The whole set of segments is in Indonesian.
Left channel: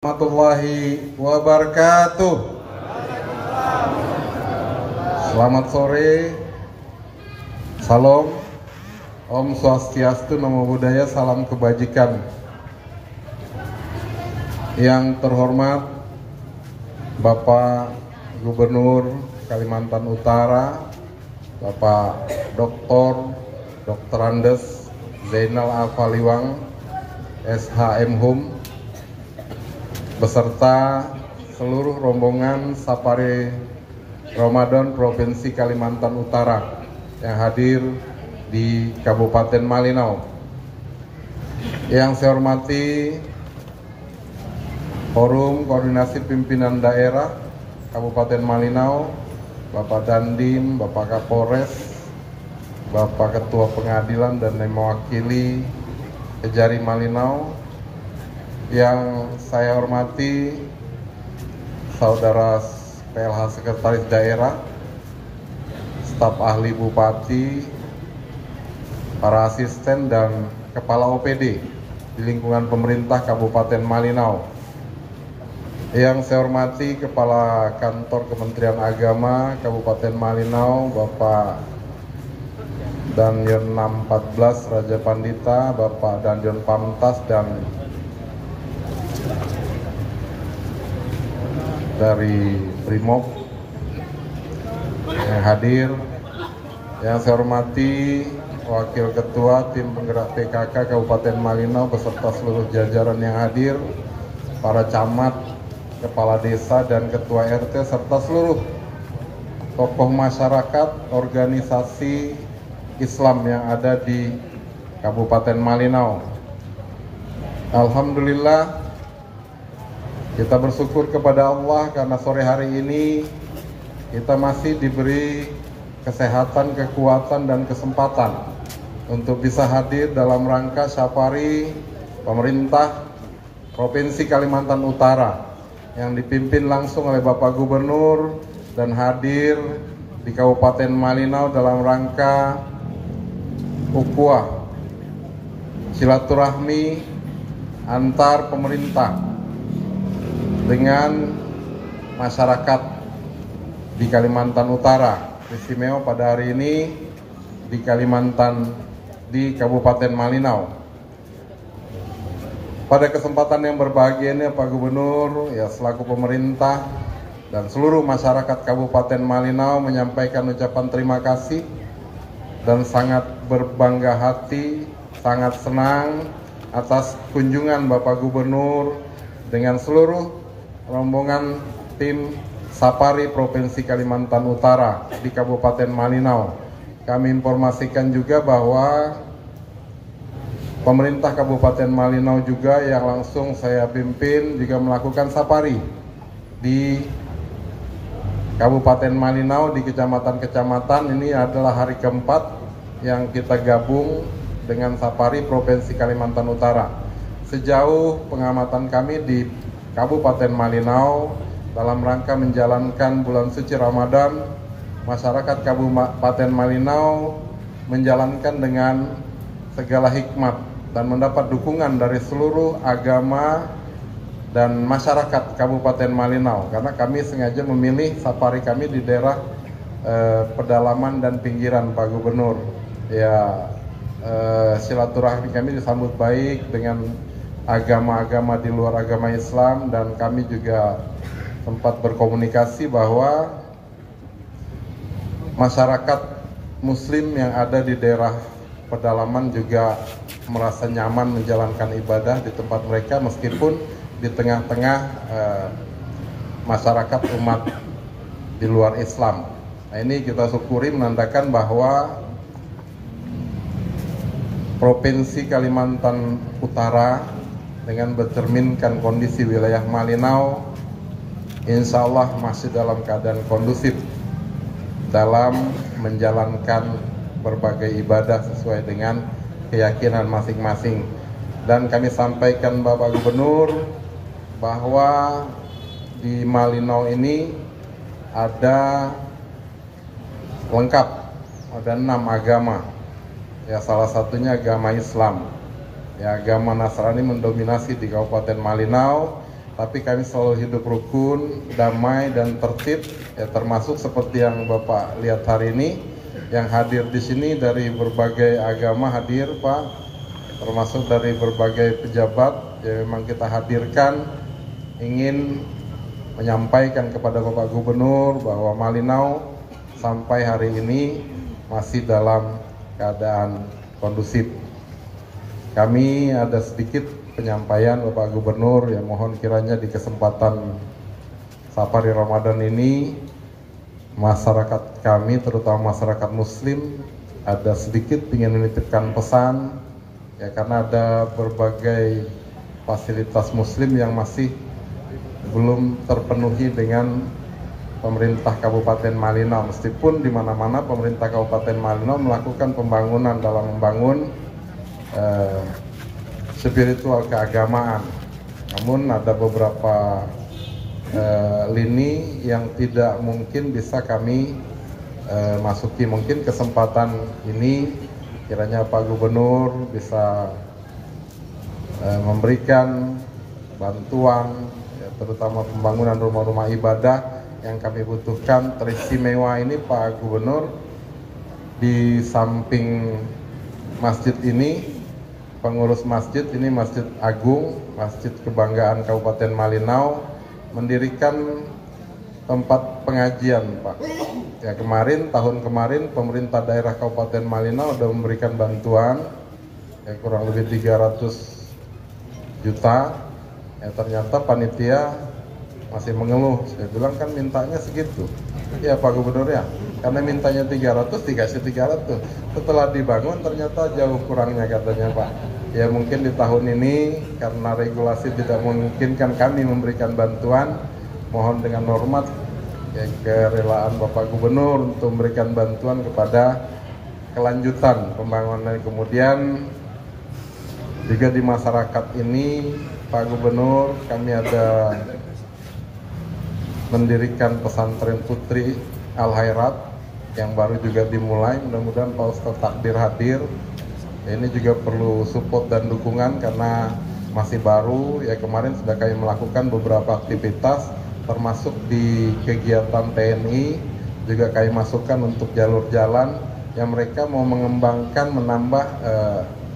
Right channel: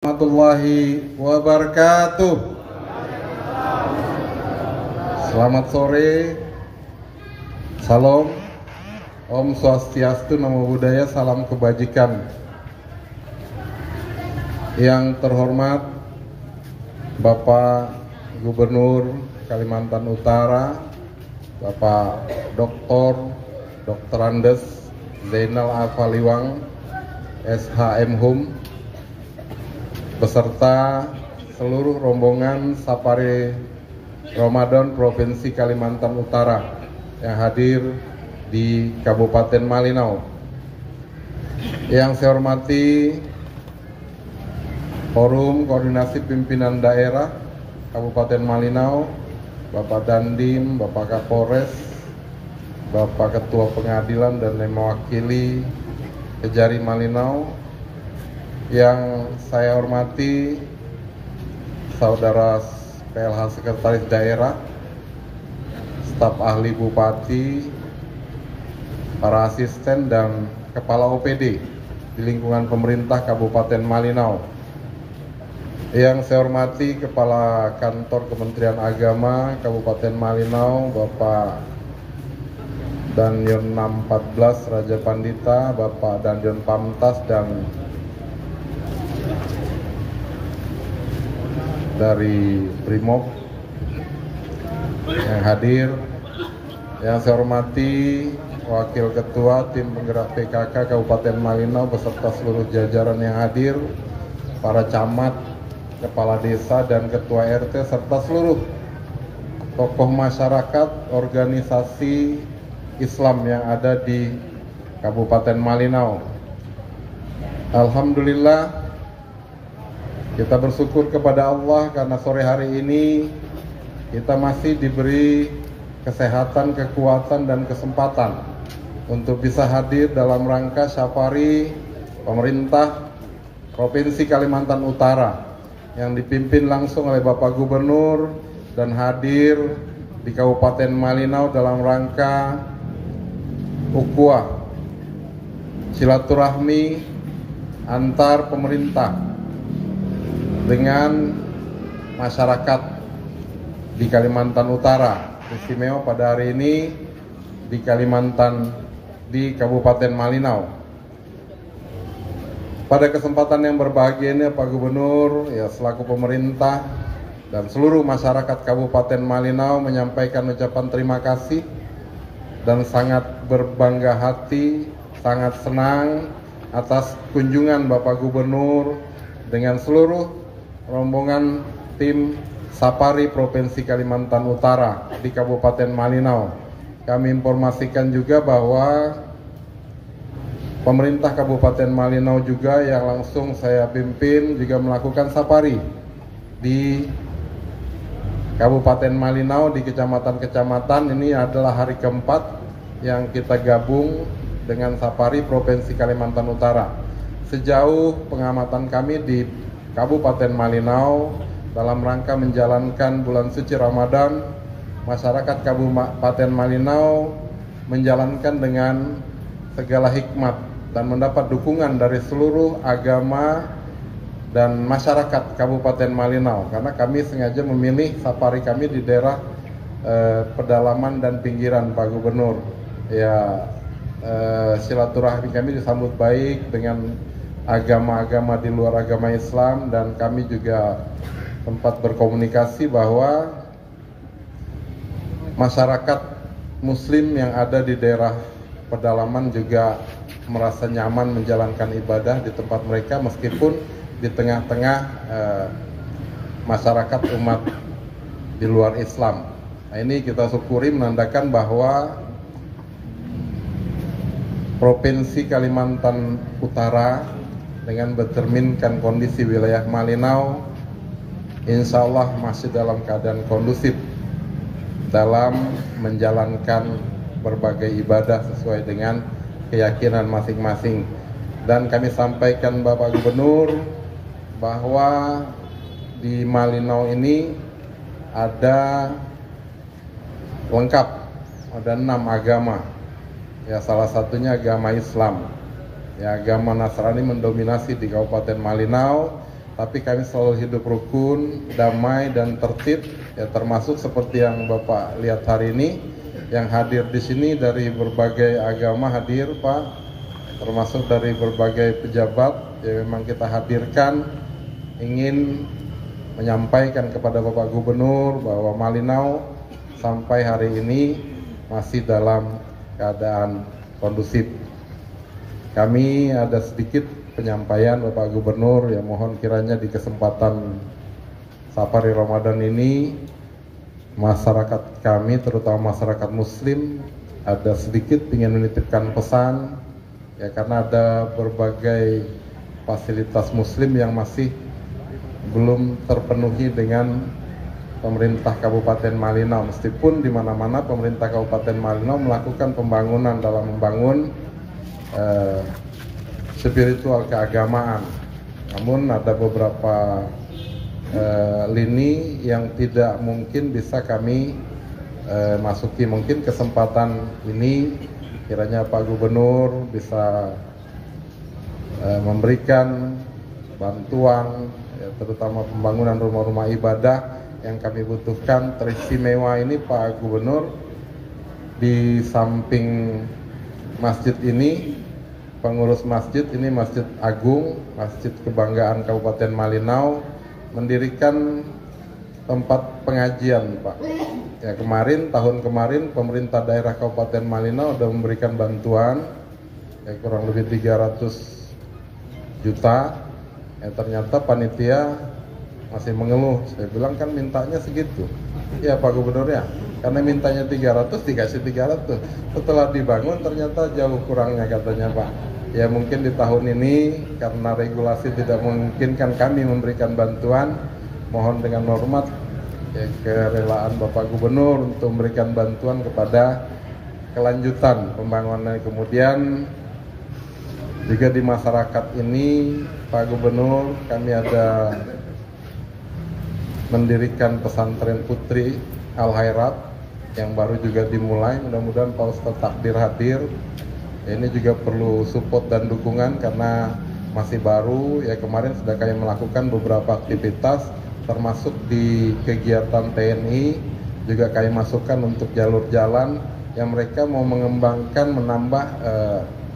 Warahmatullahi wabarakatuh. Selamat sore. Salam. Om Swastiastu, Namo Buddhaya, salam kebajikan. Yang terhormat Bapak Gubernur Kalimantan Utara, Bapak Dr. Andes Zainal Alfaliwang, SHM Hum, beserta seluruh rombongan Safari Ramadan Provinsi Kalimantan Utara yang hadir di Kabupaten Malinau. Yang saya hormati Forum Koordinasi Pimpinan Daerah Kabupaten Malinau, Bapak Dandim, Bapak Kapolres, Bapak Ketua Pengadilan dan yang mewakili Kejari Malinau. Yang saya hormati Saudara PLH Sekretaris Daerah, staf ahli Bupati, para asisten dan kepala OPD di lingkungan pemerintah Kabupaten Malinau. Yang saya hormati Kepala Kantor Kementerian Agama Kabupaten Malinau, Bapak Dandion 614 Raja Pandita, Bapak Dandion Pamtas, dan dari Brimob yang hadir. Yang saya hormati Wakil Ketua Tim Penggerak PKK Kabupaten Malinau beserta seluruh jajaran yang hadir, para camat, kepala desa dan ketua RT serta seluruh tokoh masyarakat, organisasi Islam yang ada di Kabupaten Malinau. Alhamdulillah, kita bersyukur kepada Allah karena sore hari ini kita masih diberi kesehatan, kekuatan, dan kesempatan untuk bisa hadir dalam rangka safari pemerintah Provinsi Kalimantan Utara yang dipimpin langsung oleh Bapak Gubernur dan hadir di Kabupaten Malinau dalam rangka ukhuwah silaturahmi antar pemerintah dengan masyarakat di Kalimantan Utara. Istimewa pada hari ini di Kabupaten Malinau. Pada kesempatan yang berbahagia ini, Pak Gubernur ya selaku pemerintah dan seluruh masyarakat Kabupaten Malinau menyampaikan ucapan terima kasih dan sangat berbangga hati, sangat senang atas kunjungan Bapak Gubernur dengan seluruh rombongan tim Safari Provinsi Kalimantan Utara di Kabupaten Malinau. Kami informasikan juga bahwa pemerintah Kabupaten Malinau juga yang langsung saya pimpin juga melakukan safari di Kabupaten Malinau di kecamatan-kecamatan. Ini adalah hari keempat yang kita gabung dengan Safari Provinsi Kalimantan Utara. Sejauh pengamatan kami di Kabupaten Malinau dalam rangka menjalankan bulan suci Ramadan, masyarakat Kabupaten Malinau menjalankan dengan segala hikmat dan mendapat dukungan dari seluruh agama dan masyarakat Kabupaten Malinau, karena kami sengaja memilih safari kami di daerah pedalaman dan pinggiran, Pak Gubernur. Ya, silaturahmi kami disambut baik dengan agama-agama di luar agama Islam, dan kami juga sempat berkomunikasi bahwa masyarakat Muslim yang ada di daerah pedalaman juga merasa nyaman menjalankan ibadah di tempat mereka meskipun di tengah-tengah masyarakat umat di luar Islam. Nah, ini kita syukuri menandakan bahwa Provinsi Kalimantan Utara dengan bercerminkan kondisi wilayah Malinau, insya Allah masih dalam keadaan kondusif dalam menjalankan berbagai ibadah sesuai dengan keyakinan masing-masing. Dan kami sampaikan Bapak Gubernur bahwa di Malinau ini ada lengkap, ada 6 agama. Ya, salah satunya agama Islam. Ya, agama Nasrani mendominasi di Kabupaten Malinau, tapi kami selalu hidup rukun, damai dan tertib, ya termasuk seperti yang Bapak lihat hari ini, yang hadir di sini dari berbagai agama hadir Pak, termasuk dari berbagai pejabat, ya memang kita hadirkan ingin menyampaikan kepada Bapak Gubernur bahwa Malinau sampai hari ini masih dalam keadaan kondusif. Kami ada sedikit penyampaian Bapak Gubernur, yang mohon kiranya di kesempatan Safari Ramadan ini masyarakat kami, terutama masyarakat Muslim, ada sedikit ingin menitipkan pesan, ya karena ada berbagai fasilitas Muslim yang masih belum terpenuhi dengan pemerintah Kabupaten Malinau, meskipun di mana-mana pemerintah Kabupaten Malinau melakukan pembangunan dalam membangun spiritual keagamaan, namun ada beberapa lini yang tidak mungkin bisa kami masuki. Mungkin kesempatan ini kiranya Pak Gubernur bisa memberikan bantuan, ya, terutama pembangunan rumah-rumah ibadah yang kami butuhkan. Teristimewa ini Pak Gubernur, di samping masjid ini, pengurus masjid ini Masjid Agung, Masjid Kebanggaan Kabupaten Malinau, mendirikan tempat pengajian Pak. Ya tahun kemarin pemerintah daerah Kabupaten Malinau sudah memberikan bantuan, ya kurang lebih 300 juta. Ya ternyata panitia masih mengeluh. Saya bilang kan mintanya segitu. Ya Pak Gubernur ya, karena mintanya 300 dikasih 300. Setelah dibangun ternyata jauh kurangnya katanya Pak. Ya mungkin di tahun ini karena regulasi tidak memungkinkan kami memberikan bantuan, mohon dengan hormat ya kerelaan Bapak Gubernur untuk memberikan bantuan kepada kelanjutan pembangunan. Kemudian juga di masyarakat ini Pak Gubernur, kami ada mendirikan pesantren Putri Al-Khairat yang baru juga dimulai. Mudah-mudahan Pak Ustadz takdir hadir. Ya, ini juga perlu support dan dukungan karena masih baru. Ya kemarin sudah kami melakukan beberapa aktivitas, termasuk di kegiatan TNI juga kami masukkan untuk jalur jalan yang mereka mau mengembangkan, menambah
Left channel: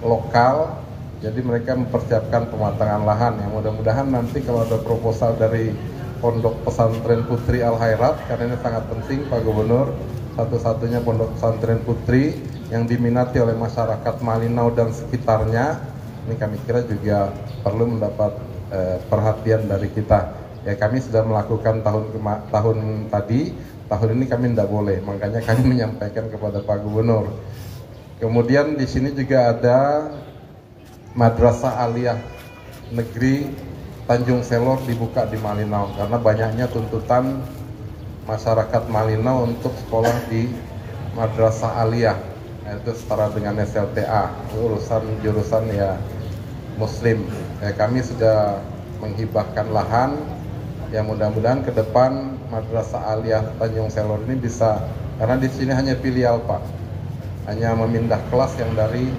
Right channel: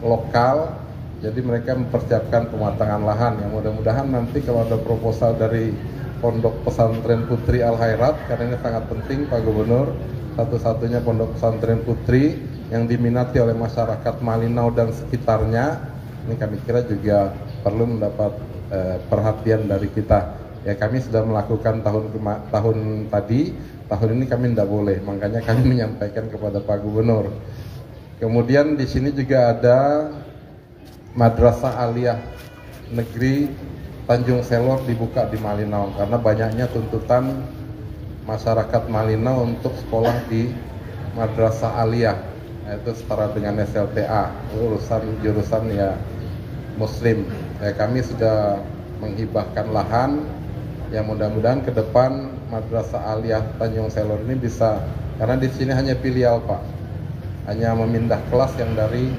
lokal. Jadi mereka mempersiapkan pematangan lahan. Yang mudah-mudahan nanti kalau ada proposal dari Pondok Pesantren Putri Al-Khairat, karena ini sangat penting Pak Gubernur, satu-satunya pondok pesantren putri yang diminati oleh masyarakat Malinau dan sekitarnya, ini kami kira juga perlu mendapat perhatian dari kita. Ya kami sudah melakukan tahun tadi, tahun ini kami tidak boleh, makanya kami menyampaikan kepada Pak Gubernur. Kemudian di sini juga ada Madrasah Aliyah Negeri Tanjung Selor dibuka di Malinau karena banyaknya tuntutan masyarakat Malinau untuk sekolah di Madrasah Aliyah, yaitu setara dengan SLTA, urusan jurusan ya Muslim. Kami sudah menghibahkan lahan, ya mudah-mudahan ke depan Madrasah Aliyah Tanjung Selor ini bisa, karena di sini hanya filial Pak, hanya memindah kelas yang dari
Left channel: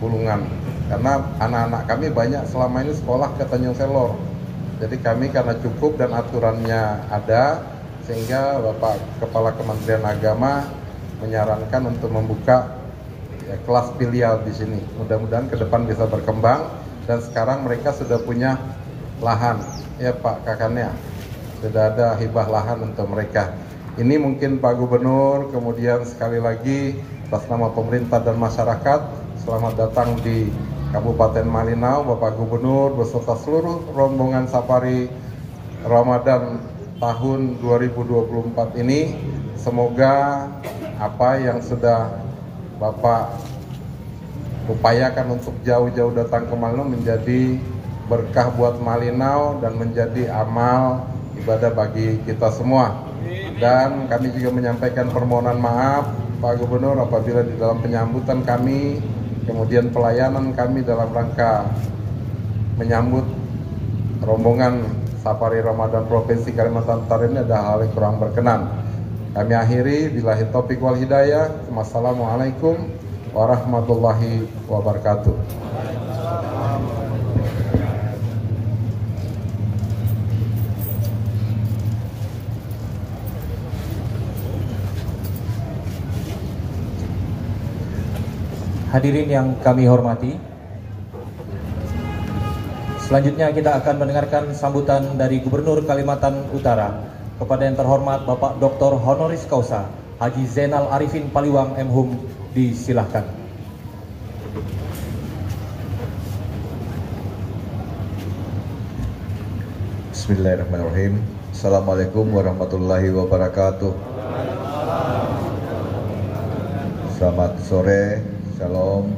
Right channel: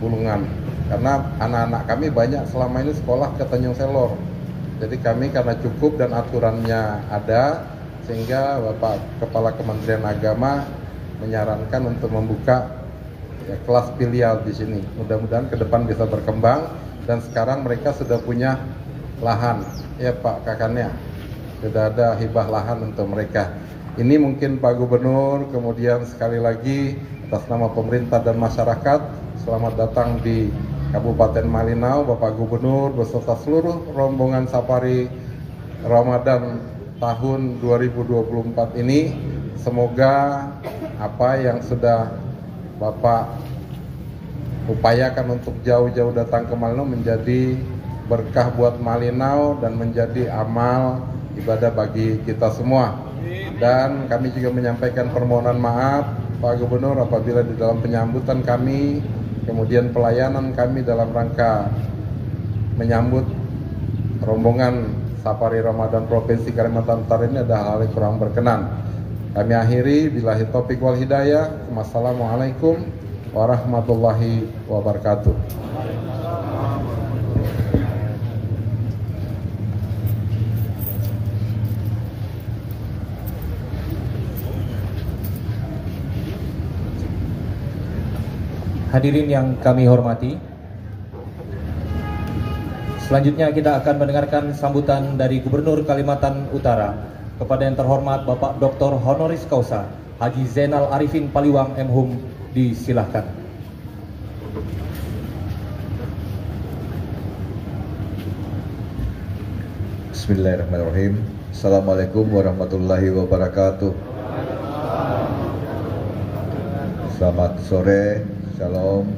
Bulungan, karena anak-anak kami banyak selama ini sekolah ke Tanjung Selor. Jadi kami karena cukup dan aturannya ada, sehingga Bapak Kepala Kementerian Agama menyarankan untuk membuka ya, kelas filial di sini. Mudah-mudahan ke depan bisa berkembang, dan sekarang mereka sudah punya lahan, ya Pak Kakannya, sudah ada hibah lahan untuk mereka. Ini mungkin Pak Gubernur, kemudian sekali lagi atas nama pemerintah dan masyarakat, selamat datang di Kabupaten Malinau, Bapak Gubernur beserta seluruh rombongan Safari Ramadan tahun 2024 ini. Semoga apa yang sudah Bapak upayakan untuk jauh-jauh datang ke Malinau menjadi berkah buat Malinau dan menjadi amal ibadah bagi kita semua. Dan kami juga menyampaikan permohonan maaf Pak Gubernur apabila di dalam penyambutan kami, kemudian pelayanan kami dalam rangka menyambut rombongan Safari Ramadan Provinsi Kalimantan Utara ini ada hal yang kurang berkenan. Kami akhiri, billahi taufiq wal hidayah. Wassalamualaikum warahmatullahi wabarakatuh. Hadirin yang kami hormati, selanjutnya kita akan mendengarkan sambutan dari Gubernur Kalimantan Utara kepada yang terhormat Bapak Dr. Honoris Causa Haji Zainal Arifin Paliwang M.Hum. Disilahkan. Bismillahirrahmanirrahim. Assalamualaikum warahmatullahi wabarakatuh. Selamat sore, shalom,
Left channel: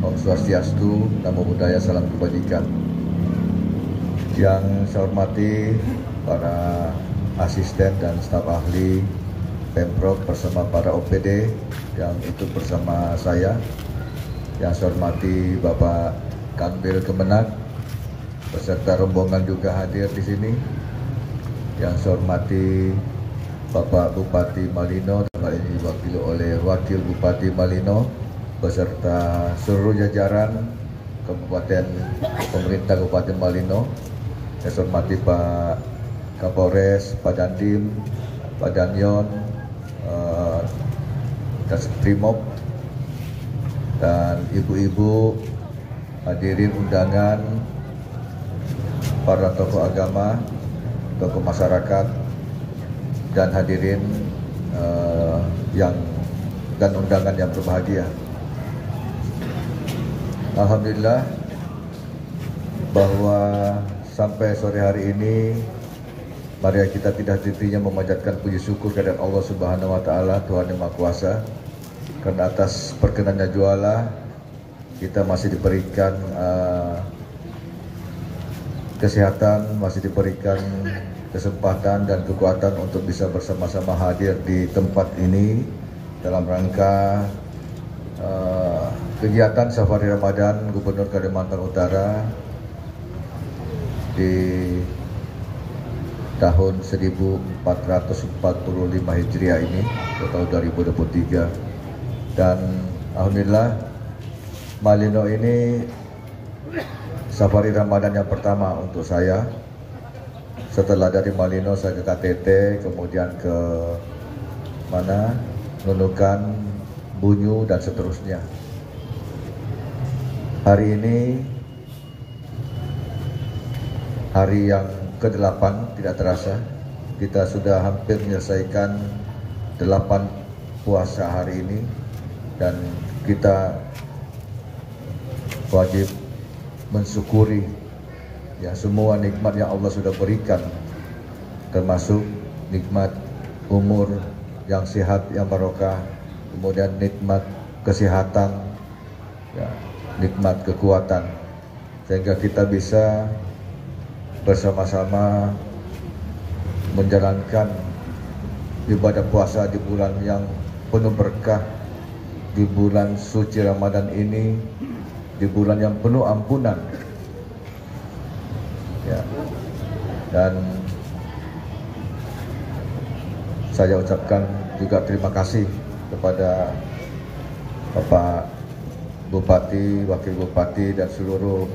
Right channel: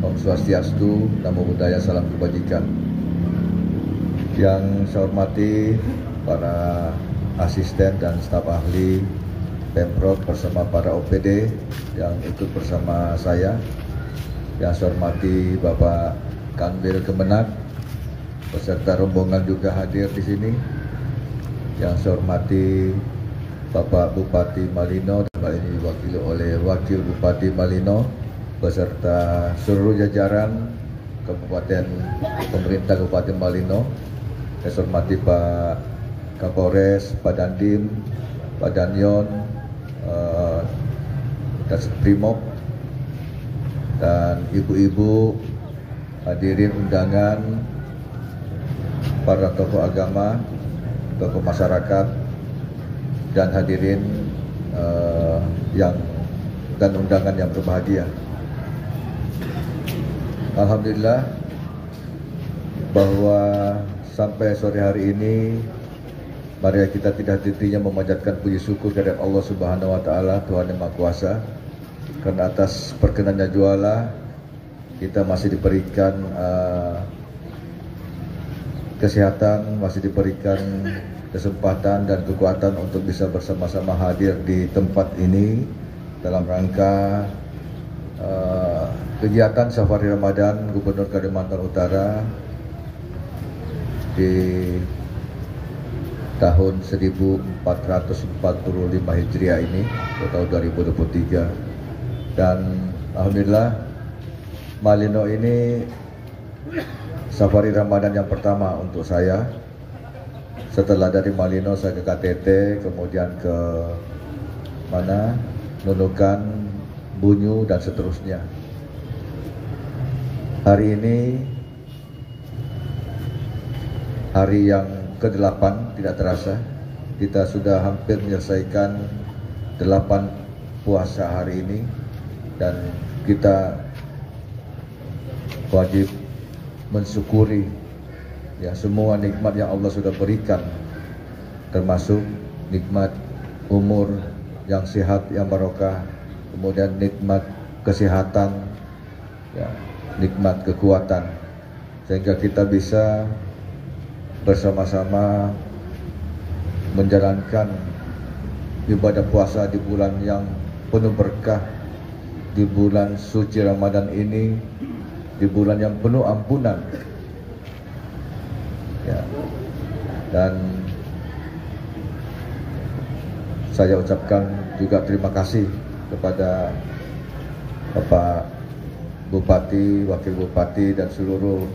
Om Swastiastu, Namo Buddhaya, salam kebajikan. Yang saya hormati para asisten dan staf ahli Pemprov bersama para OPD yang ikut bersama saya. Yang saya hormati Bapak Kanwil Kemenak beserta rombongan juga hadir di sini. Yang saya hormati Bapak Bupati Malino dan hal ini diwakili oleh Wakil Bupati Malino beserta seluruh jajaran Kabupaten Pemerintah Kabupaten Malino. Yang saya hormati Pak Kapolres, Pak Dandim, Pak Danyon, dan Primob dan ibu-ibu, hadirin undangan, para tokoh agama, tokoh masyarakat, dan hadirin dan undangan yang berbahagia. Alhamdulillah bahwa sampai sore hari ini mari kita tidak henti-hentinya memanjatkan puji syukur kepada Allah Subhanahu wa taala, Tuhan Yang Maha Kuasa. Karena atas perkenannya juala kita masih diberikan kesehatan, masih diberikan kesempatan dan kekuatan untuk bisa bersama-sama hadir di tempat ini dalam rangka kegiatan Safari Ramadan Gubernur Kalimantan Utara di tahun 1445 Hijriah ini atau tahun 2023. Dan alhamdulillah Malino ini Safari Ramadan yang pertama untuk saya. Setelah dari Malino saya ke KTT, kemudian ke Nunukan, Bunyu, dan seterusnya. Hari ini hari yang ke-8, tidak terasa kita sudah hampir menyelesaikan 8 puasa hari ini, dan kita wajib mensyukuri ya semua nikmat yang Allah sudah berikan, termasuk nikmat umur yang sehat, yang barokah, kemudian nikmat kesehatan, ya, nikmat kekuatan, sehingga kita bisa bersama-sama menjalankan ibadah puasa di bulan yang penuh berkah, di bulan suci Ramadan ini, di bulan yang penuh ampunan. Ya. Dan saya ucapkan juga terima kasih kepada Bapak Bupati, Wakil Bupati, dan seluruh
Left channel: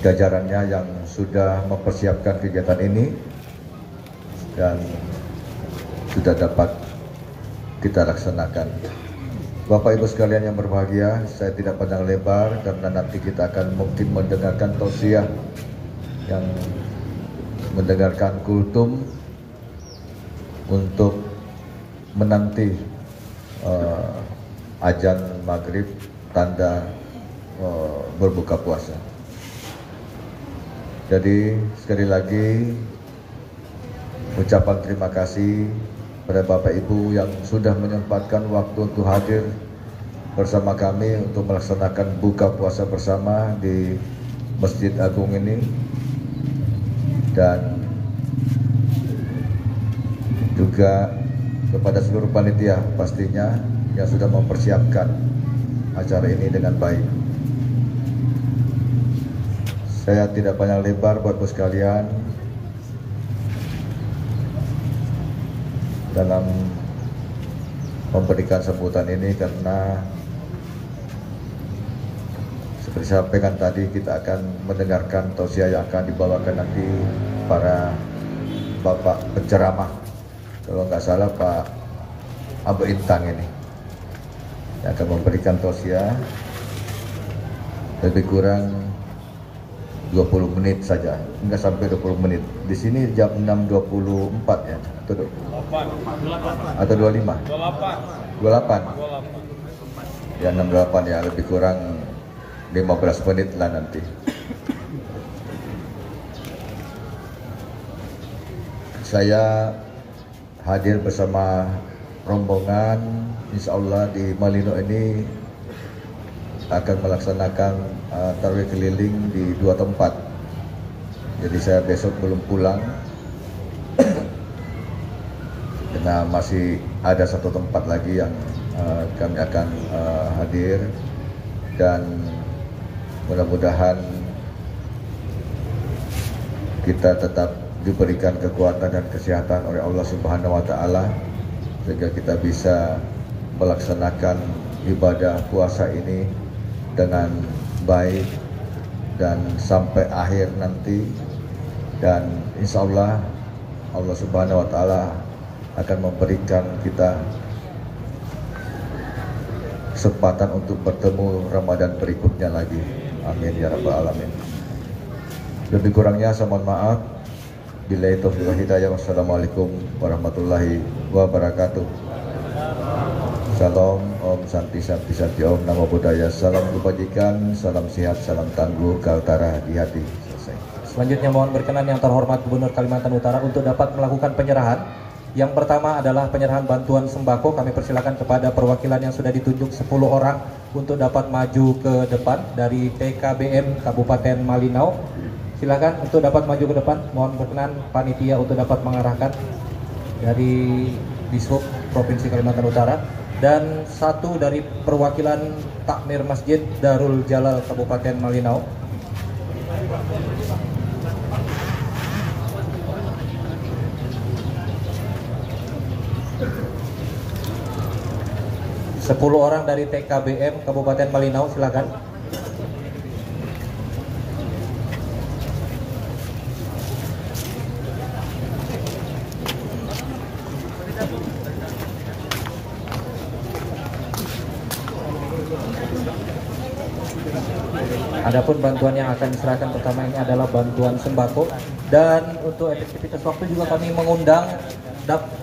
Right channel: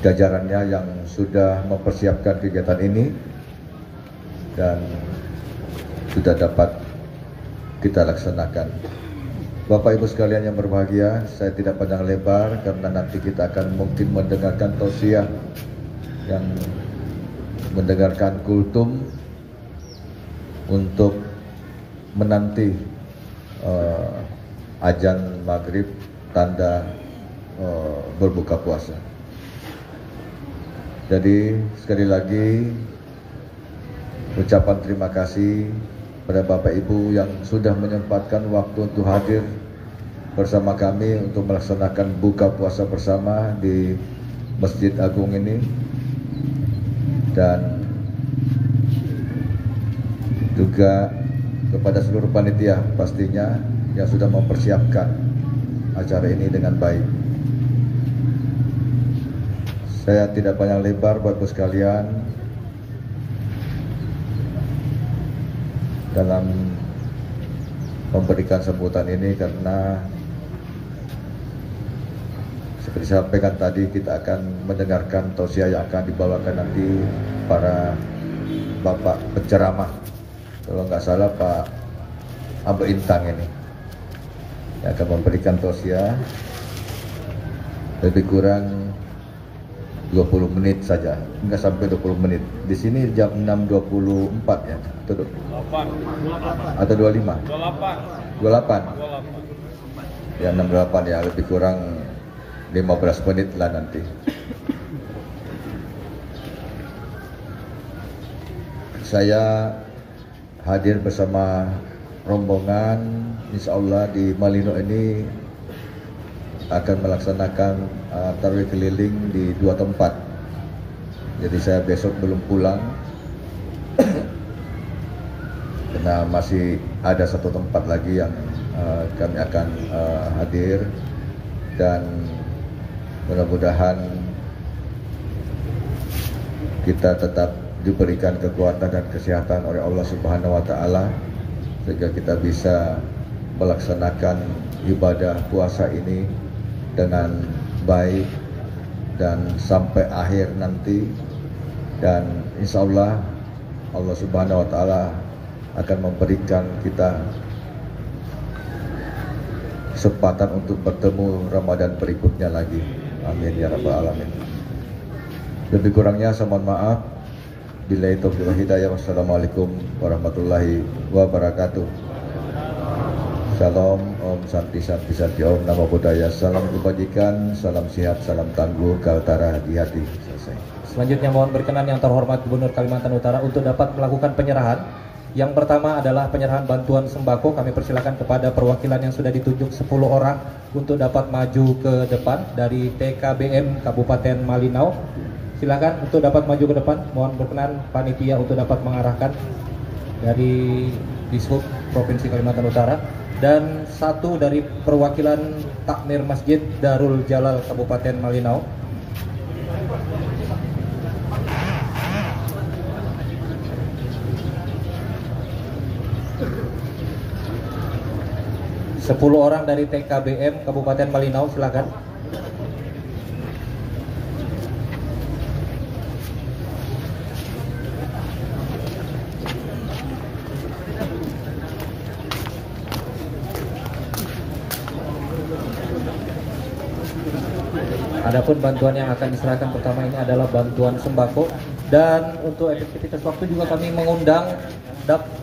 jajarannya yang sudah mempersiapkan kegiatan ini dan sudah dapat kita laksanakan. Bapak Ibu sekalian yang berbahagia, saya tidak panjang lebar karena nanti kita akan mungkin mendengarkan tausiah, yang mendengarkan kultum untuk menanti azan maghrib, tanda berbuka puasa. Jadi sekali lagi ucapan terima kasih pada Bapak Ibu yang sudah menyempatkan waktu untuk hadir bersama kami untuk melaksanakan buka puasa bersama di Masjid Agung ini, dan juga kepada seluruh panitia pastinya yang sudah mempersiapkan acara ini dengan baik. Saya tidak panjang lebar buat Ibu sekalian dalam memberikan sambutan ini, karena seperti saya sampaikan tadi, kita akan mendengarkan tausiah yang akan dibawakan nanti para bapak penceramah. Kalau nggak salah Pak Abu Intang ini. yang akan memberikan tausiah lebih kurang 20 menit saja, enggak sampai 20 menit. Di sini jam 6.24 ya, atau 8 atau 25? 28. Ya 6.28 ya, lebih kurang 15 menit lah nanti. Saya hadir bersama rombongan, insya Allah di Malino ini akan melaksanakan tarawih keliling di 2 tempat. Jadi saya besok belum pulang karena masih ada 1 tempat lagi yang kami akan hadir, dan mudah-mudahan kita tetap diberikan kekuatan dan kesehatan oleh Allah Subhanahu wa Ta'ala sehingga kita bisa melaksanakan ibadah puasa ini dengan baik dan sampai akhir nanti, dan insya Allah Allah Subhanahu wa Ta'ala akan memberikan kita kesempatan untuk bertemu Ramadan berikutnya lagi. Amin ya rabbal alamin. Lebih kurangnya saya mohon maaf. Billahi taufiq wal hidayah. Wassalamualaikum warahmatullahi wabarakatuh. Salam, Om Santi Santi Santi, Om Namo Buddhaya. Salam kebajikan, salam sehat, salam tangguh, kaltara di hati. Selesai. Selanjutnya mohon berkenan yang terhormat Gubernur Kalimantan Utara untuk dapat melakukan penyerahan. Yang pertama adalah penyerahan bantuan sembako. Kami persilakan kepada perwakilan yang sudah ditunjuk 10 orang untuk dapat maju ke depan dari TKBM Kabupaten Malinau. Silakan untuk dapat maju ke depan. Mohon berkenan panitia untuk dapat mengarahkan dari Dishub Provinsi Kalimantan Utara, dan 1 dari perwakilan Takmir Masjid Darul Jalal Kabupaten Malinau. Sepuluh orang dari TKBM Kabupaten Malinau, silakan. Adapun bantuan yang akan diserahkan pertama ini adalah bantuan sembako, dan untuk efektivitas waktu juga kami mengundang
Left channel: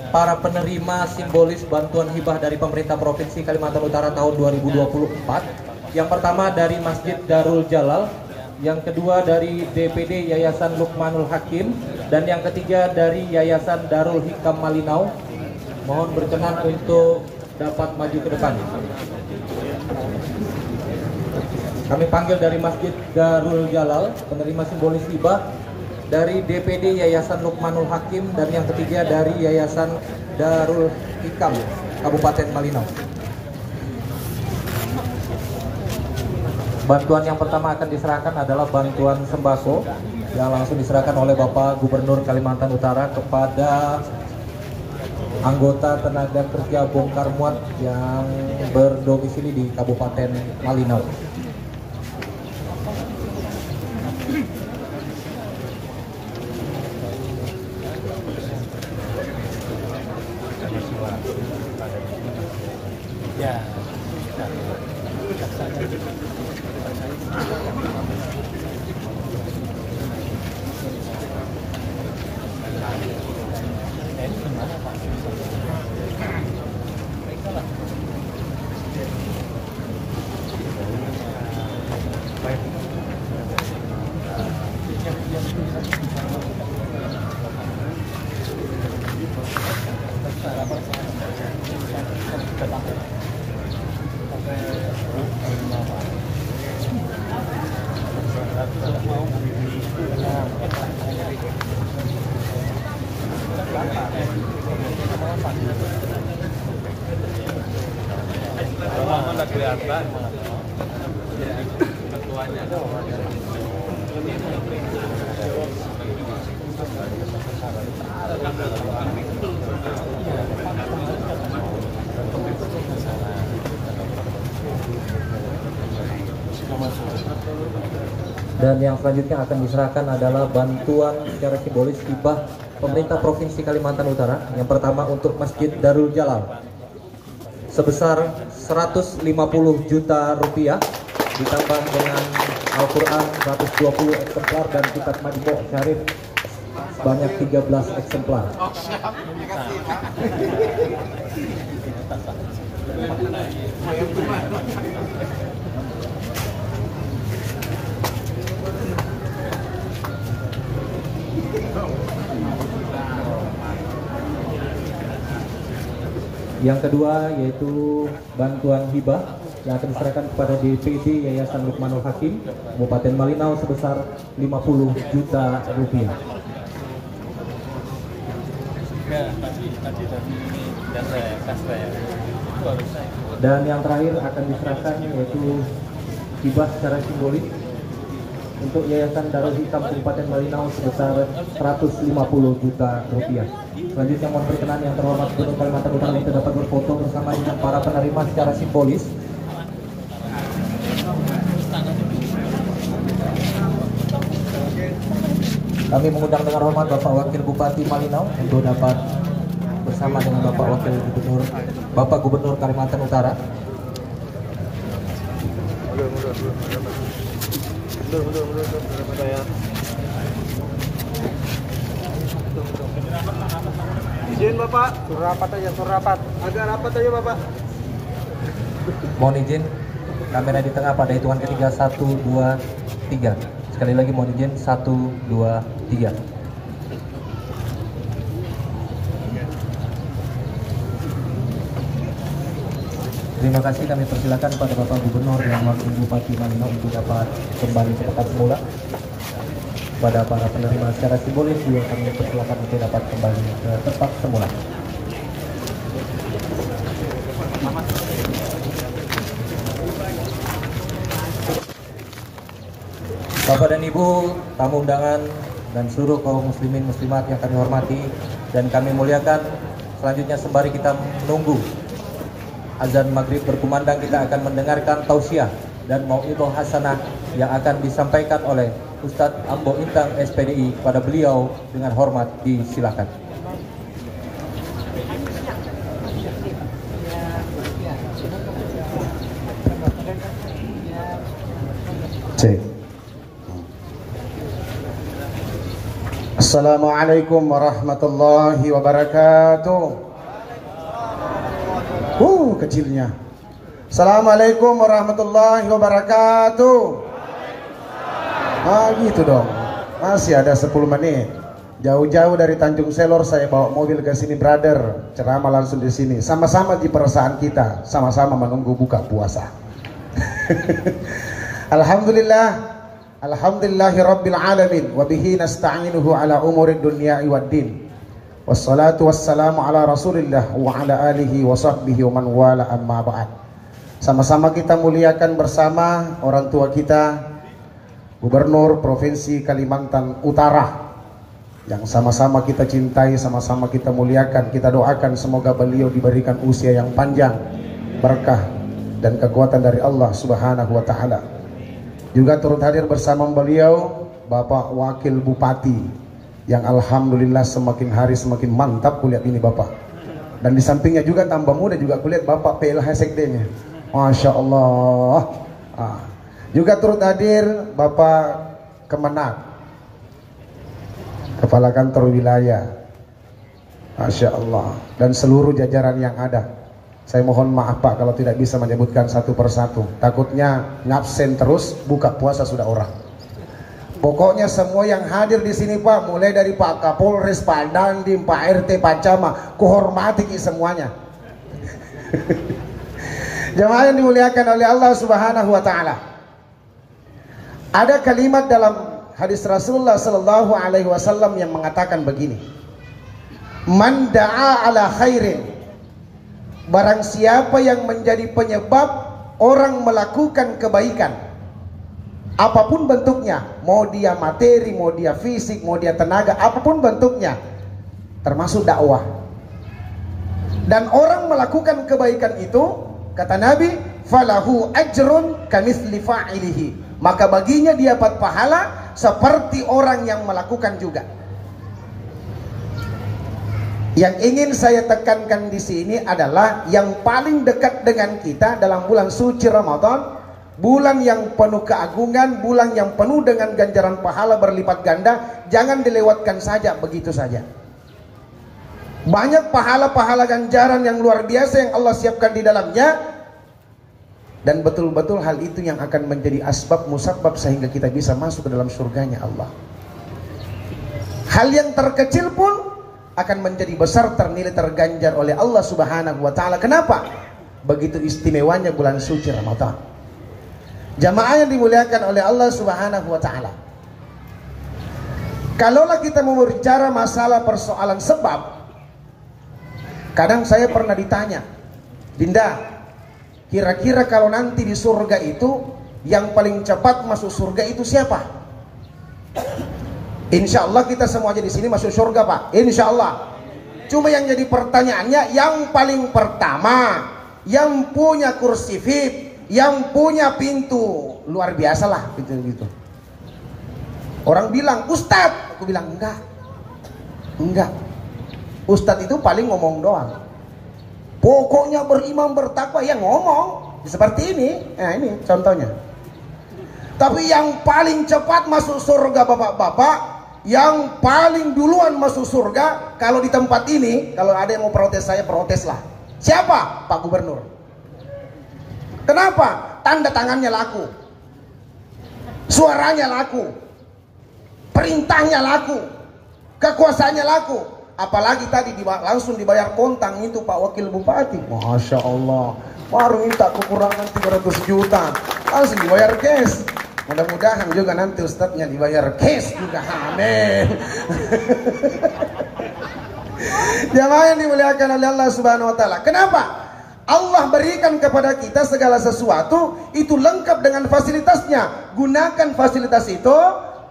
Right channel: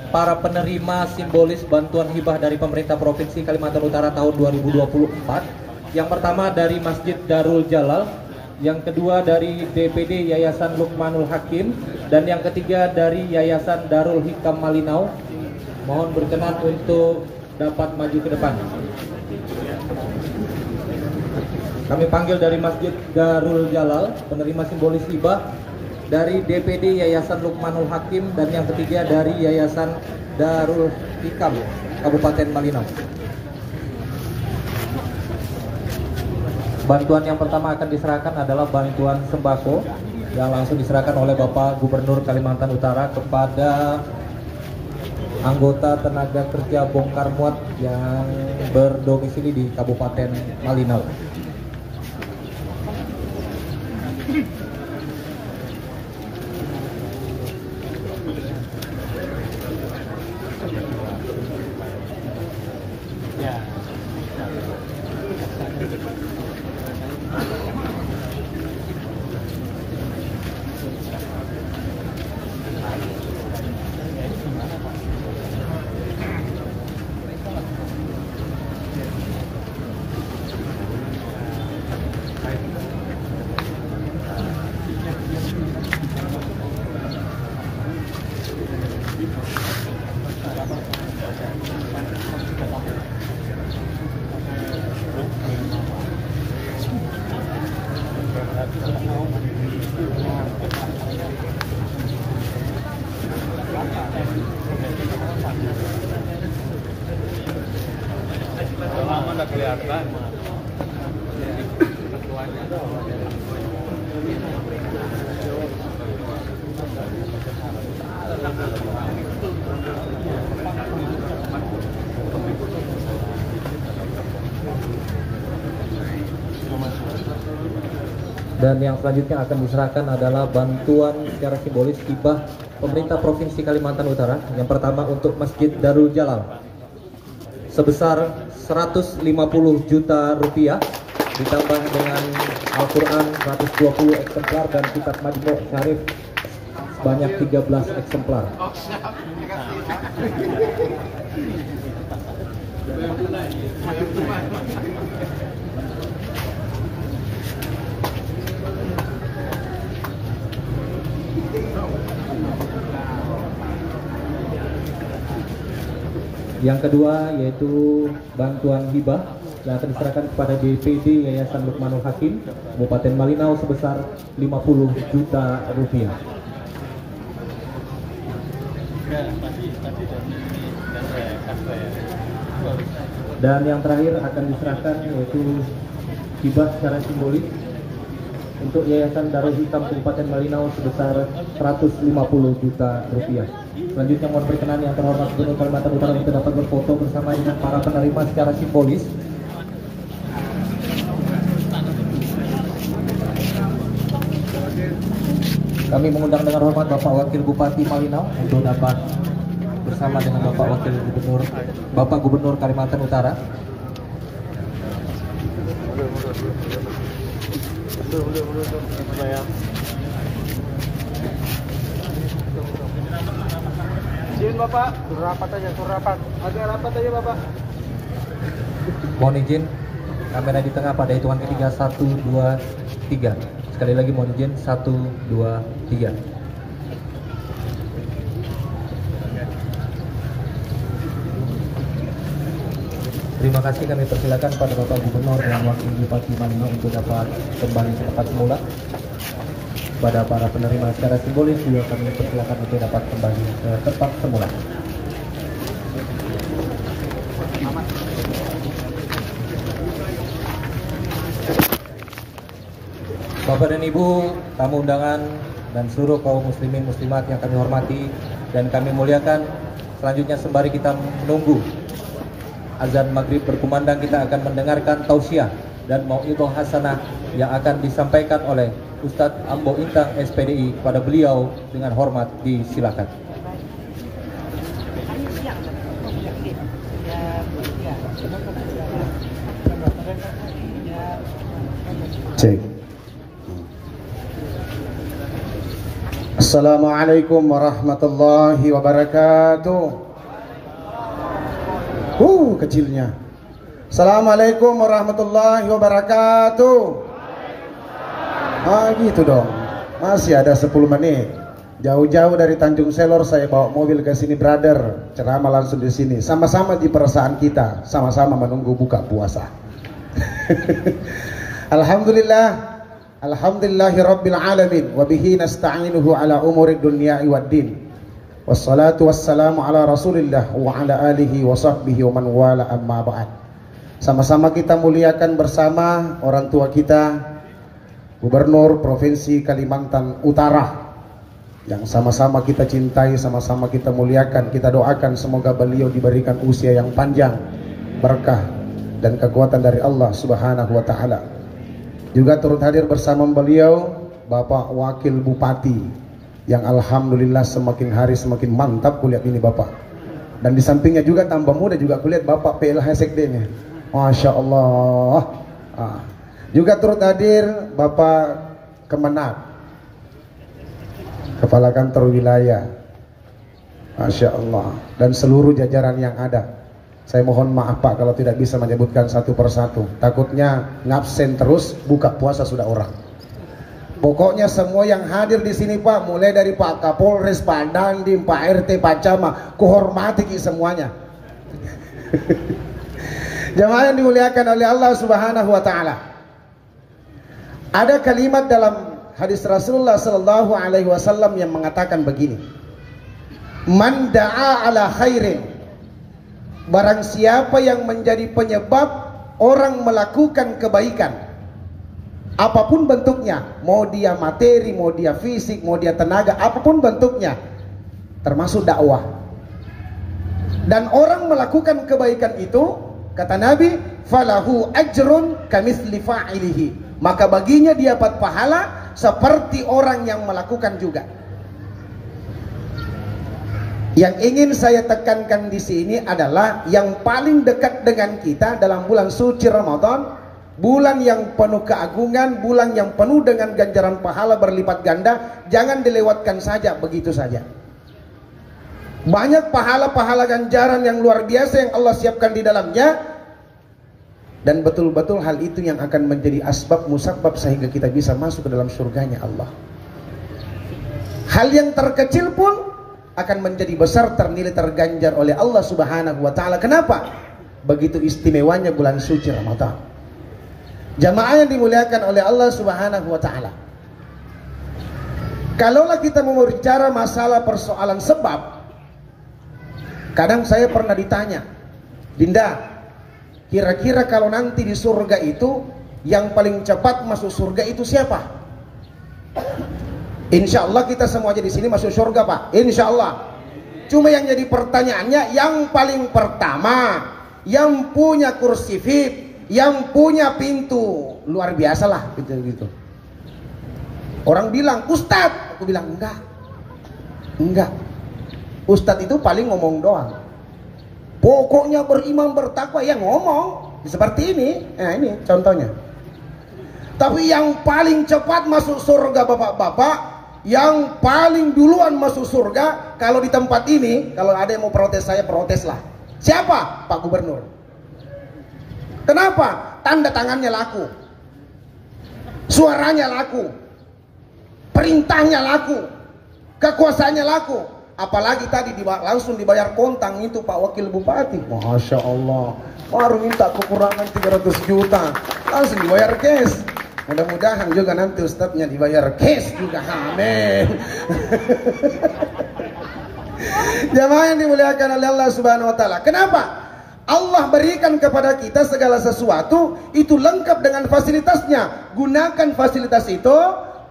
para penerima simbolis bantuan hibah dari pemerintah Provinsi Kalimantan Utara tahun 2024. Yang pertama dari Masjid Darul Jalal, yang kedua dari DPD Yayasan Lukmanul Hakim, dan yang ketiga dari Yayasan Darul Hikam Malinau. Mohon berkenan untuk dapat maju ke depan. Kami panggil dari Masjid Darul Jalal penerima simbolis hibah, dari DPD Yayasan Lukmanul Hakim, dan yang ketiga dari Yayasan Darul Hikam Kabupaten Malinau. Bantuan yang pertama akan diserahkan adalah bantuan sembako yang langsung diserahkan oleh Bapak Gubernur Kalimantan Utara kepada anggota tenaga kerja bongkar muat yang berdomisili di Kabupaten Malinau. Lama nggak kelihatan. Dan yang selanjutnya akan diserahkan adalah bantuan secara simbolis hibah pemerintah Provinsi Kalimantan Utara. Yang pertama untuk Masjid Darul Jalal sebesar 150 juta rupiah, ditambah dengan Al-Quran 120 eksemplar dan kitab Majmu' Syarif sebanyak 13 eksemplar. Yang kedua yaitu bantuan hibah yang akan diserahkan kepada DPD Yayasan Lukmanul Hakim Kabupaten Malinau sebesar 50 juta rupiah. Dan yang terakhir akan diserahkan yaitu hibah secara simbolis untuk Yayasan Darul Hitam Kabupaten Malinau sebesar 150 juta rupiah. Selanjutnya mohon berkenan yang terhormat Gubernur Kalimantan Utara untuk dapat berfoto bersama dengan para penerima secara simbolis. Kami mengundang dengan hormat Bapak Wakil Bupati Malinau untuk dapat bersama dengan Bapak Gubernur Kalimantan Utara. Izin Bapak, suruh rapat aja, suruh rapat. Agak rapat aja Bapak. Mohon izin, kamera di tengah pada hitungan ketiga, 1, 2, 3. Sekali lagi mohon izin, 1, 2, 3. Terima kasih, kami persilakan pada Bapak Gubernur dan Wakil Bupati Malinau untuk dapat kembali ke tempat semula. Pada para penerima secara simbolis juga kami persilakan untuk dapat kembali ke tempat semula. Bapak dan Ibu, tamu undangan dan seluruh kaum muslimin muslimat yang kami hormati dan kami muliakan, selanjutnya sembari kita menunggu azan maghrib berkumandang, kita akan mendengarkan tausiah dan mau'idhah hasanah yang akan disampaikan oleh Ustadz Ambo Intang SPDI. Kepada beliau dengan hormat disilakan. Cek. Assalamualaikum warahmatullahi wabarakatuh. Kecilnya. Assalamualaikum warahmatullahi wabarakatuh. Gitu dong. Masih ada 10 menit. Jauh-jauh dari Tanjung Selor saya bawa mobil ke sini, brother. Ceramah langsung di sini. Sama-sama di perasaan kita, sama-sama menunggu buka puasa. Alhamdulillah. Alhamdulillahi rabbil alamin wa bihi nasta'inuhu ala umurid dunya waddin. Wassalatu wassalamu ala Rasulillah wa ala alihi wa sahbihi wa man wala, amma ba'd. Sama-sama kita muliakan bersama orang tua kita, Gubernur Provinsi Kalimantan Utara, yang sama-sama kita cintai, sama-sama kita muliakan. Kita doakan semoga beliau diberikan usia yang panjang, berkah dan kekuatan dari Allah Subhanahu wa taala. Juga turut hadir bersama beliau Bapak Wakil Bupati, yang alhamdulillah semakin hari semakin mantap kulihat ini Bapak. Dan di sampingnya juga tambah muda juga kulihat Bapak PLH Sekdenya. Masya Allah. Juga turut hadir Bapak Kemenak, Kepala Kantor Wilayah, Masya Allah, dan seluruh jajaran yang ada. Saya mohon maaf Pak kalau tidak bisa menyebutkan satu persatu. Takutnya ngabsen terus, buka puasa sudah orang. Pokoknya semua yang hadir di sini Pak, mulai dari Pak Kapolres, Pak Dandim, Pak RT, Pak Camat, kuhormati semuanya. Jemaah yang dimuliakan oleh Allah Subhanahu wa taala. Ada kalimat dalam hadis Rasulullah sallallahu alaihi wasallam yang mengatakan begini. Man da'a ala khairin. Barang siapa yang menjadi penyebab orang melakukan kebaikan, apapun bentuknya, mau dia materi, mau dia fisik, mau dia tenaga, apapun bentuknya, termasuk dakwah. Dan orang melakukan kebaikan itu, kata Nabi, falahu ajrun kamitsli fa'ilihi. Maka baginya dia dapat pahala seperti orang yang melakukan juga. Yang ingin saya tekankan di sini adalah yang paling dekat dengan kita dalam bulan suci Ramadan, bulan yang penuh keagungan, bulan yang penuh dengan ganjaran pahala berlipat ganda, jangan dilewatkan saja begitu saja. Banyak pahala-pahala ganjaran yang luar biasa yang Allah siapkan di dalamnya, dan betul-betul hal itu yang akan menjadi asbab musabab sehingga kita bisa masuk ke dalam surganya Allah. Hal yang terkecil pun akan menjadi besar ternilai terganjar oleh Allah Subhanahu wa taala. Kenapa? Begitu istimewanya bulan suci Ramadan. Jamaah yang dimuliakan oleh Allah Subhanahu wa taala. Kalaulah kita mau bicara masalah persoalan sebab, kadang saya pernah ditanya, Dinda, kira-kira kalau nanti di surga itu yang paling cepat masuk surga itu siapa? Insya Allah kita semua di sini masuk surga, Pak. Insya Allah. Cuma yang jadi pertanyaannya, yang paling pertama, yang punya kursi VIP, yang punya pintu luar biasa lah, gitu. Orang bilang, Ustadz, aku bilang enggak. Ustadz itu paling ngomong doang. Pokoknya beriman bertakwa, ya ngomong seperti ini. Nah, ini contohnya. Tapi yang paling cepat masuk surga, bapak-bapak, yang paling duluan masuk surga, kalau di tempat ini, kalau ada yang mau protes saya, protes lah. Siapa? Pak Gubernur. Kenapa? Tanda tangannya laku, suaranya laku, perintahnya laku, kekuasaannya laku. Apalagi tadi langsung dibayar kontang itu Pak Wakil Bupati. Masya Allah, baru minta kekurangan 300 juta, langsung dibayar cash. Mudah-mudahan juga nanti ustadznya dibayar cash juga. Amin. Jamaah yang dimuliakan oleh Allah Subhanahu wa taala. Kenapa? Allah berikan kepada kita segala sesuatu itu lengkap dengan fasilitasnya. Gunakan fasilitas itu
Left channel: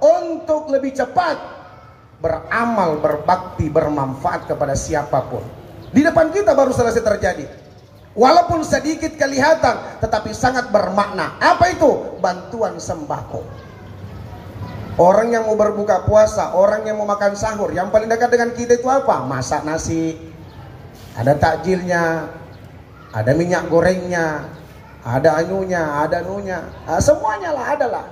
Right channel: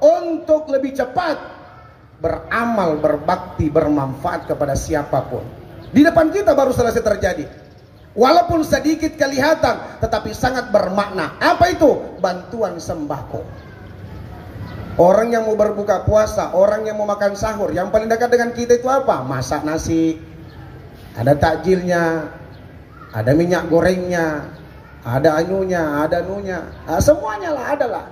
untuk lebih cepat beramal, berbakti, bermanfaat kepada siapapun. Di depan kita baru selesai terjadi. Walaupun sedikit kelihatan, tetapi sangat bermakna. Apa itu? Bantuan sembako. Orang yang mau berbuka puasa, orang yang mau makan sahur, yang paling dekat dengan kita itu apa? Masak nasi, ada takjilnya, ada minyak gorengnya, ada anunya, nah, semuanya lah, adalah.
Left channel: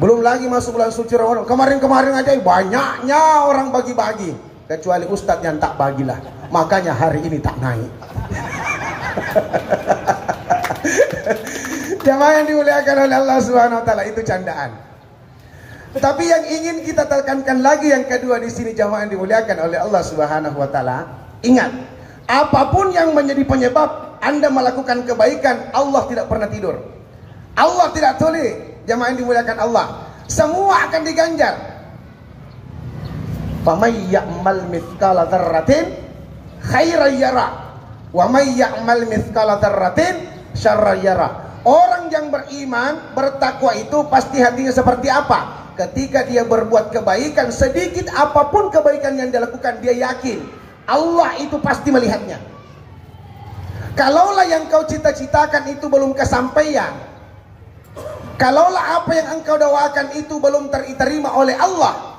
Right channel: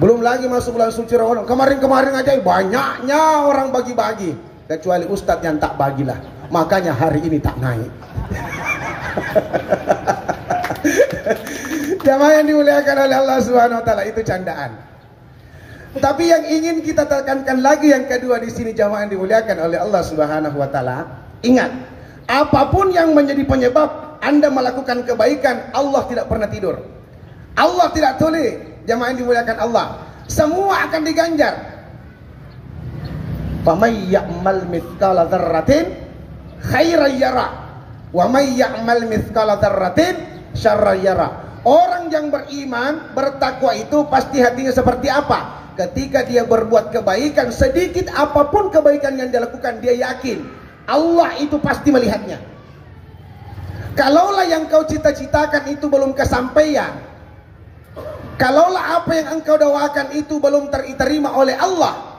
Belum lagi masuk bulan suci Ramadan. Kemarin aja banyaknya orang bagi-bagi, kecuali ustadz yang tak bagilah. Makanya hari ini tak naik. Jamaah yang dimuliakan oleh Allah Subhanahu wa taala, itu candaan. Tetapi yang ingin kita tekankan lagi yang kedua di sini, jamaah yang dimuliakan oleh Allah Subhanahu wa taala, ingat, apapun yang menjadi penyebab Anda melakukan kebaikan, Allah tidak pernah tidur. Allah tidak tuli. Jamaah yang dimuliakan Allah, semua akan diganjar. Faman ya'mal mithqala dzarratin khairan yara wa may ya'mal mithqala dzarratin syarran yara. Orang yang beriman, bertakwa itu pasti hatinya seperti apa? Ketika dia berbuat kebaikan, sedikit apapun kebaikan yang dia lakukan, dia yakin Allah itu pasti melihatnya. Kalaulah yang kau cita-citakan itu belum kesampaian, kalaulah apa yang engkau doakan itu belum diterima oleh Allah,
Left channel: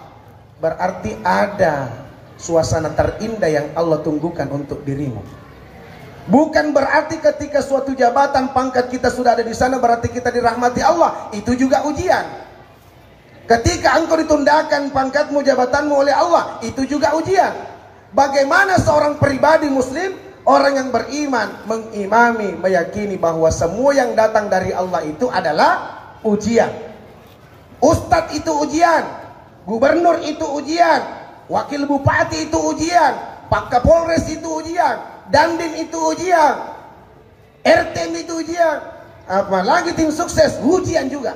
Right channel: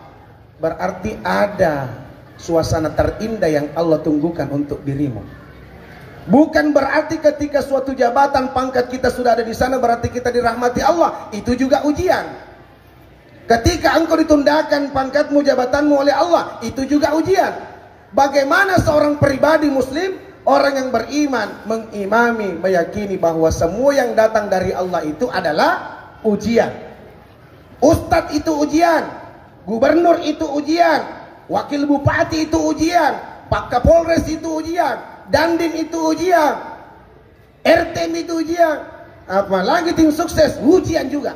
berarti ada suasana terindah yang Allah tunggukan untuk dirimu. Bukan berarti ketika suatu jabatan pangkat kita sudah ada di sana berarti kita dirahmati Allah. Itu juga ujian. Ketika engkau ditundakan pangkatmu, jabatanmu oleh Allah, itu juga ujian. Bagaimana seorang pribadi muslim, orang yang beriman, mengimami, meyakini bahwa semua yang datang dari Allah itu adalah ujian. Ustadz itu ujian, gubernur itu ujian, wakil bupati itu ujian, Pak Kapolres itu ujian, Dandim itu ujian, RTM itu ujian, apalagi tim sukses ujian juga.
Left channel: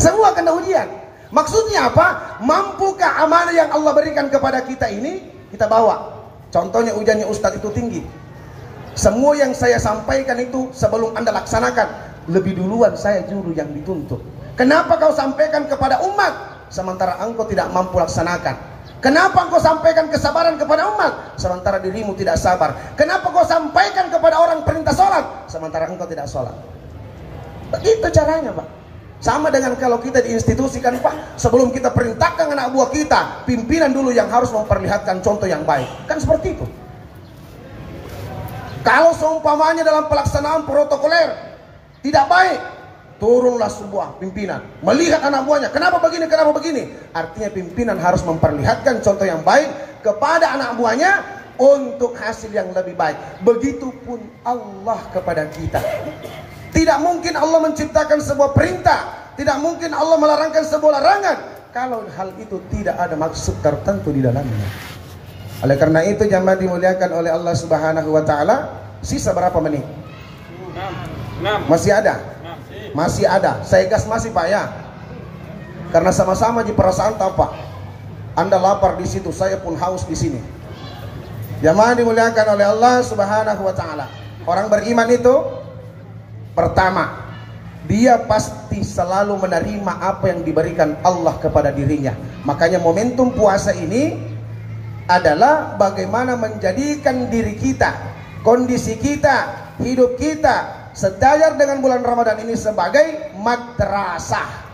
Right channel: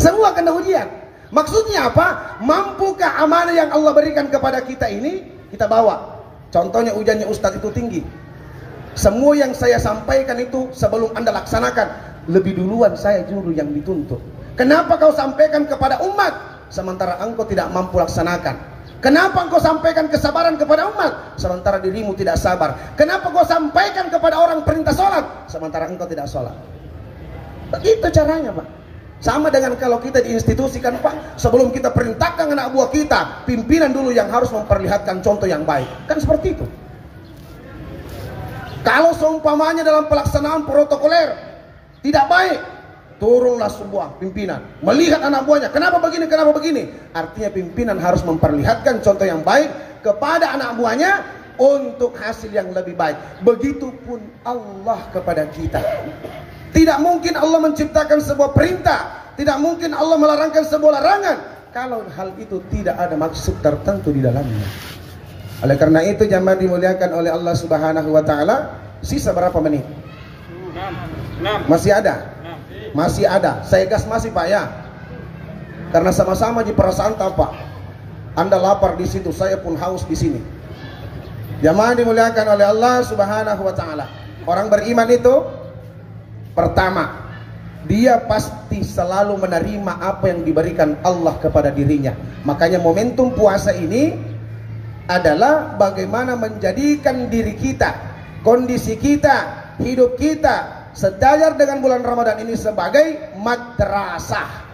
Semua kena ujian. Maksudnya apa? Mampukah amanah yang Allah berikan kepada kita ini kita bawa? Contohnya ujiannya Ustadz itu tinggi. Semua yang saya sampaikan itu sebelum Anda laksanakan, lebih duluan saya juru yang dituntut. Kenapa kau sampaikan kepada umat sementara engkau tidak mampu laksanakan? Kenapa engkau sampaikan kesabaran kepada umat sementara dirimu tidak sabar? Kenapa kau sampaikan kepada orang perintah sholat sementara engkau tidak sholat? Begitu caranya, Pak. Sama dengan kalau kita diinstitusikan, Pak, sebelum kita perintahkan anak buah kita, pimpinan dulu yang harus memperlihatkan contoh yang baik. Kan seperti itu. Kalau seumpamanya dalam pelaksanaan protokoler tidak baik, turunlah sebuah pimpinan, melihat anak buahnya, kenapa begini, kenapa begini. Artinya pimpinan harus memperlihatkan contoh yang baik kepada anak buahnya untuk hasil yang lebih baik. Begitupun Allah kepada kita. Tidak mungkin Allah menciptakan sebuah perintah, tidak mungkin Allah melarangkan sebuah larangan kalau hal itu tidak ada maksud tertentu di dalamnya. Oleh karena itu jamaah dimuliakan oleh Allah Subhanahu wa taala, sisa berapa menit? 6. Masih ada? Masih ada. Saya gas masih, Pak, ya. Karena sama-sama di perasaan tampak. Anda lapar di situ, saya pun haus di sini. Jamaah dimuliakan oleh Allah Subhanahu wa taala. Orang beriman itu pertama, dia pasti selalu menerima apa yang diberikan Allah kepada dirinya. Makanya momentum puasa ini adalah bagaimana menjadikan diri kita, kondisi kita, hidup kita sejajar dengan bulan Ramadan ini sebagai madrasah.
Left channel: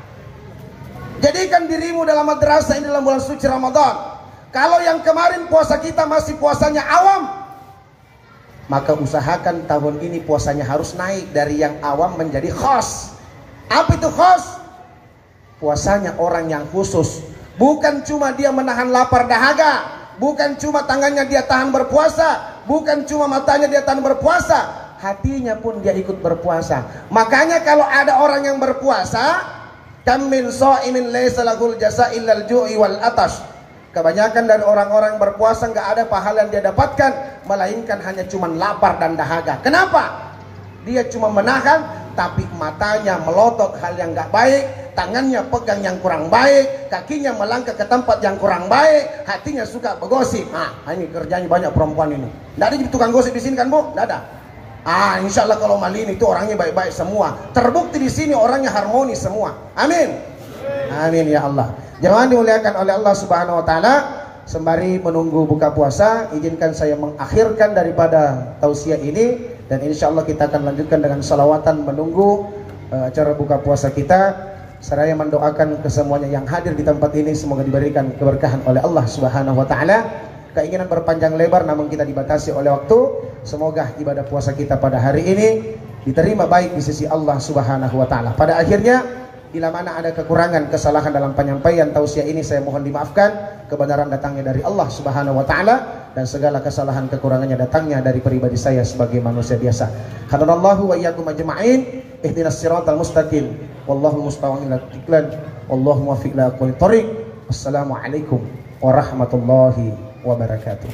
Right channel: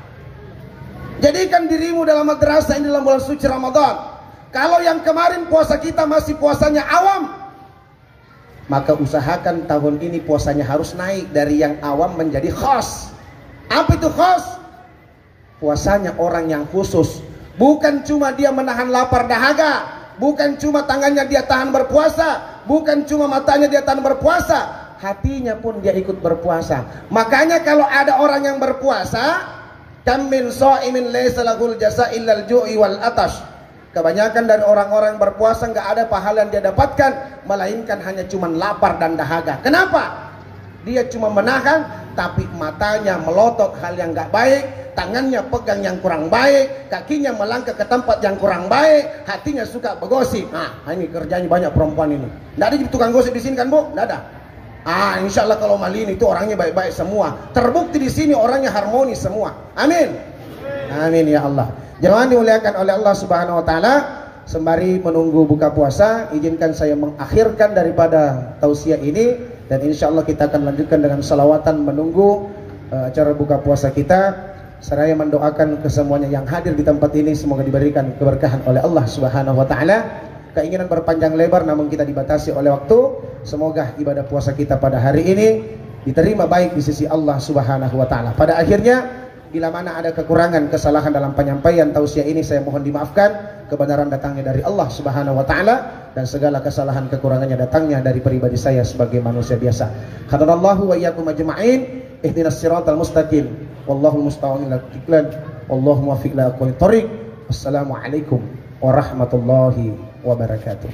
Jadikan dirimu dalam madrasah ini dalam bulan suci Ramadan. Kalau yang kemarin puasa kita masih puasanya awam, maka usahakan tahun ini puasanya harus naik dari yang awam menjadi khas. Apa itu khas? Puasanya orang yang khusus. Bukan cuma dia menahan lapar dahaga, bukan cuma tangannya dia tahan berpuasa, bukan cuma matanya dia tahan berpuasa, hatinya pun dia ikut berpuasa. Makanya kalau ada orang yang berpuasa, kam min shaimin laysa lahul jasa illal ju'i wal atash. Kebanyakan dari orang-orang berpuasa nggak ada pahala yang dia dapatkan, melainkan hanya cuma lapar dan dahaga. Kenapa? Dia cuma menahan, tapi matanya melotot hal yang nggak baik, tangannya pegang yang kurang baik, kakinya melangkah ke tempat yang kurang baik, hatinya suka bergosip. Ini kerjanya banyak perempuan ini. Nggak ada tukang gosip di sini kan, Bu? Nggak ada. Insya Allah kalau Malini itu orangnya baik-baik semua. Terbukti di sini orangnya harmonis semua. Amin. Amin ya Allah. Jangan dimuliakan oleh Allah Subhanahu wa taala. Sembari menunggu buka puasa, izinkan saya mengakhirkan daripada tausiah ini, dan insya Allah kita akan lanjutkan dengan salawatan menunggu acara buka puasa kita. Seraya mendoakan kesemuanya yang hadir di tempat ini semoga diberikan keberkahan oleh Allah Subhanahu wa taala. Keinginan berpanjang lebar namun kita dibatasi oleh waktu. Semoga ibadah puasa kita pada hari ini diterima baik di sisi Allah Subhanahu wa taala. Pada akhirnya, bila mana ada kekurangan, kesalahan dalam penyampaian tausiah ini, saya mohon dimaafkan. Kebenaran datangnya dari Allah Subhanahu wa taala, dan segala kesalahan kekurangannya datangnya dari pribadi saya sebagai manusia biasa. Hadanallahu wa iyyakum ajma'in. Ihdinas siratal mustaqim. Wallahu musta'an ila istiqlal. Wallahu muwaffiq ila aqwamit thoriq. Wassalamualaikum warahmatullahi wabarakatuh.